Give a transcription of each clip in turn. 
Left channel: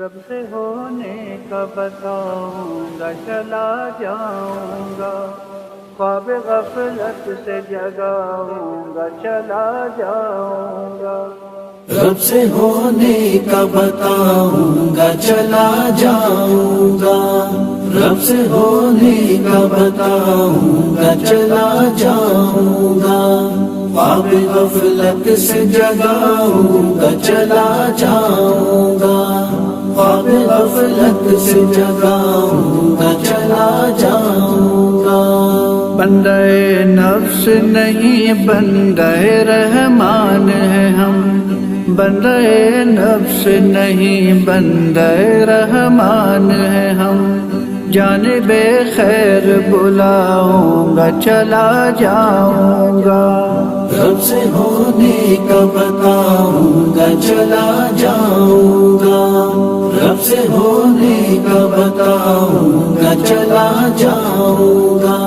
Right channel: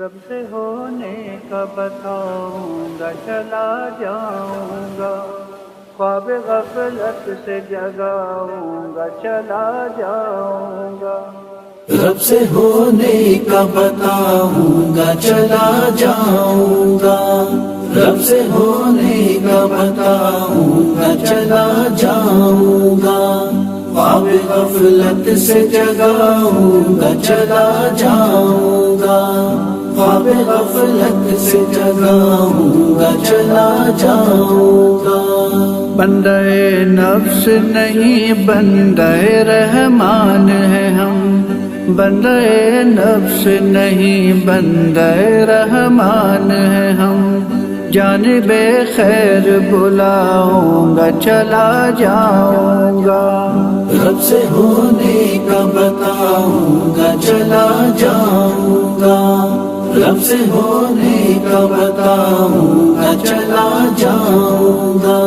رب سے ہونے کا بتاؤں گا چلا جاؤں گا، خواب غفلت سے جگاؤں گا چلا جاؤں گا، رب سے ہونے کا بتاؤں گا چلا جاؤں گا، رب سے ہونے کا بتاؤں گا چلا جاؤں گا، خواب غفلت سے جگاؤں گا چلا جاؤں گا، خواب غفلت سے جگاؤں گا چلا جاؤں گا۔ بندہ نفس نہیں بندہ رحمان ہے ہم، بندہ نفس نہیں بندہ رحمان ہے ہم، جانب خیر بلاؤں گا چلا جاؤں گا، رب سے ہونے کا بتاؤں گا چلا جاؤں گا، رب سے ہونے کا بتاؤں گا چلا جاؤں گا،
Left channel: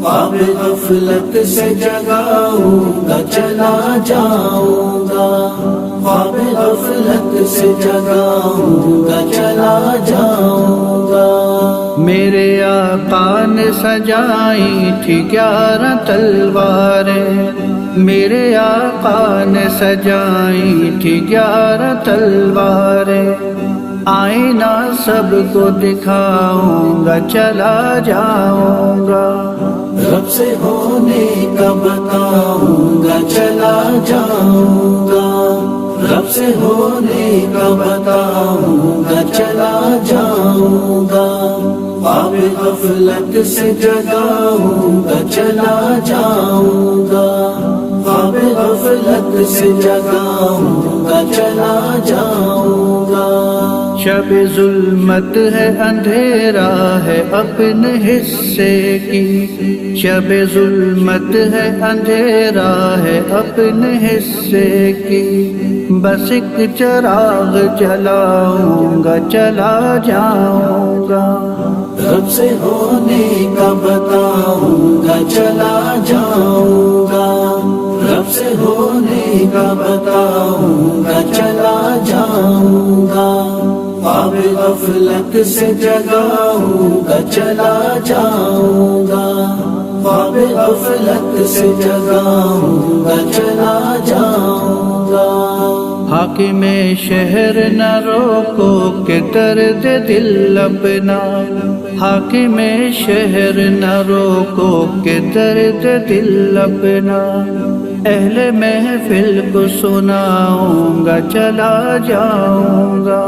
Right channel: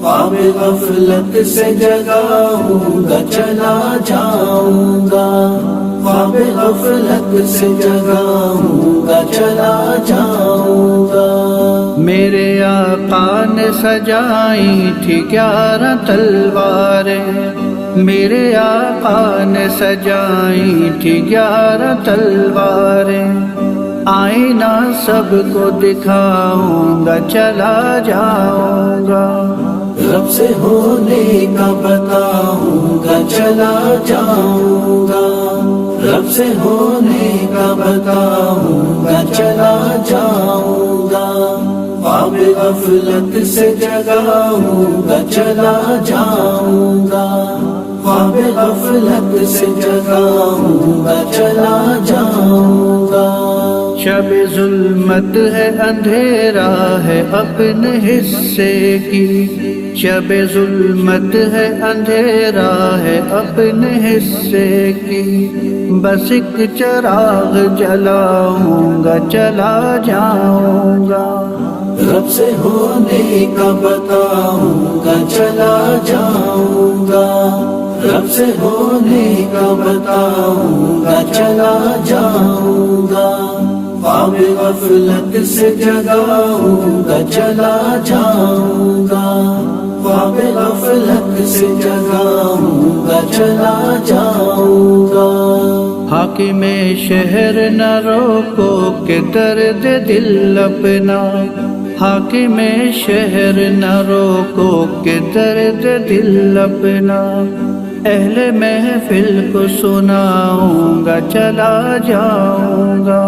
خواب غفلت سے جگاؤں گا چلا جاؤں گا، خواب غفلت سے جگاؤں گا چلا جاؤں گا۔ میرے آقا نے سجائی تھی 11 تلواریں، میرے آقا نے سجائی تھی 11 تلواریں، آئینہ سب کو دکھاؤں گا چلا جاؤں گا، رب سے ہونے کا بتاؤں گا چلا جاؤں گا، رب سے ہونے کا بتاؤں گا چلا جاؤں گا، خواب غفلت سے جگاؤں گا چلا جاؤں گا، خواب غفلت سے جگاؤں گا چلا جاؤں گا۔ شب ظلمت ہے اندھیرا ہے اپنے حصے کی، شب ظلمت ہے اندھیرا ہے اپنے حصے کی، بس ایک چراغ جلاؤں گا چلا جاؤں گا، رب سے ہونے کا بتاؤں گا چلا جاؤں گا، رب سے ہونے کا بتاؤں گا چلا جاؤں گا، خواب غفلت سے جگاؤں گا چلا جاؤں گا، خواب غفلت سے جگاؤں گا چلا جاؤں گا۔ حاکم شہر نہ روکو کہ درد دل اپنا، حاکم شہر نہ روکو کہ درد دل اپنا، اہل محفل کو سناؤں گا چلا جاؤں گا،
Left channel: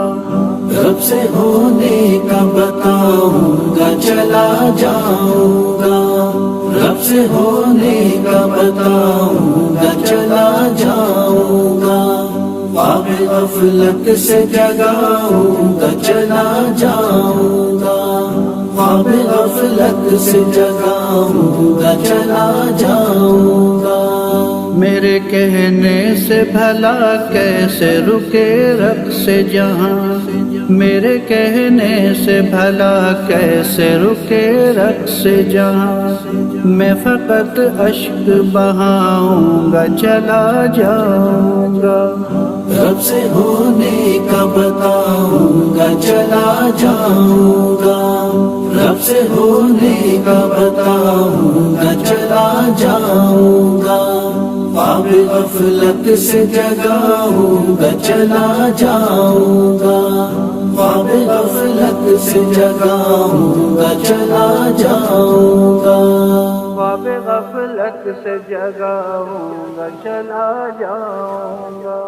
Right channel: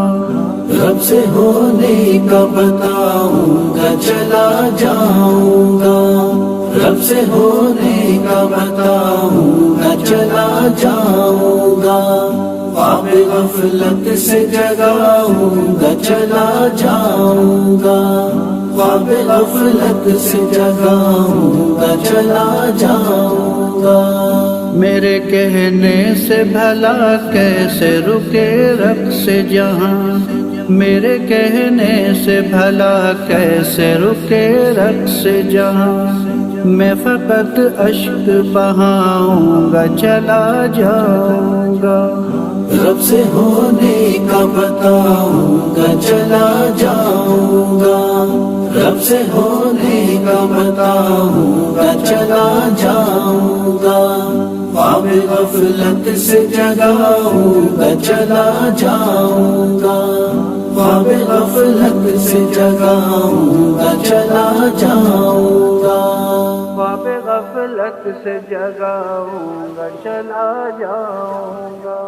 رب سے ہونے کا بتاؤں گا چلا جاؤں گا، رب سے ہونے کا بتاؤں گا چلا جاؤں گا، خواب غفلت سے جگاؤں گا چلا جاؤں گا، خواب غفلت سے جگاؤں گا چلا جاؤں گا۔ میرے کہنے سے بھلا کیسے رکے رقص جہاں، میرے کہنے سے بھلا کیسے رکے رقص جہاں، میں فقط اشک بہاؤں گا چلا جاؤں گا، رب سے ہونے کا بتاؤں گا چلا جاؤں گا، رب سے ہونے کا بتاؤں گا چلا جاؤں گا، خواب غفلت سے جگاؤں گا چلا جاؤں گا، خواب غفلت سے جگاؤں گا چلا جاؤں گا، خواب غفلت سے جگاؤں گا چلا جاؤں گا۔